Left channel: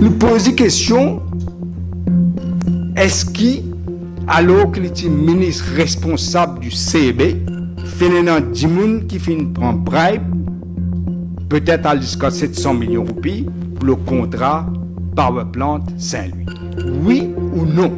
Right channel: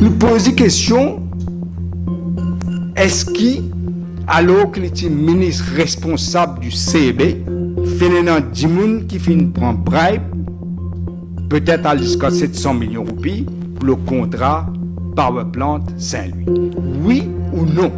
Nous posons question, est-ce qu'il, alors qu'il est ministre responsable du CEB, finalement, Dimoun qui finit prend bribe, peut-être à jusqu'à 700 millions de roupies, pour le contrat Power Plant Saint-Louis. Oui ou non?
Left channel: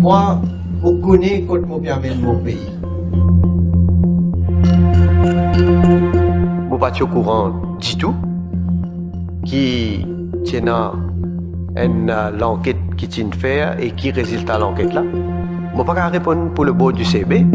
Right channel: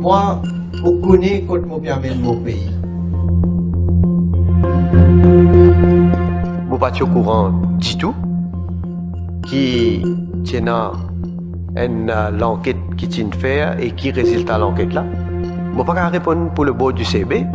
Moi, je connais quand je permets mon pays. Je ne suis pas au courant du tout qui tient l'enquête qui tient faire et qui résultat l'enquête là. Je ne peux pas répondre pour le board du CB.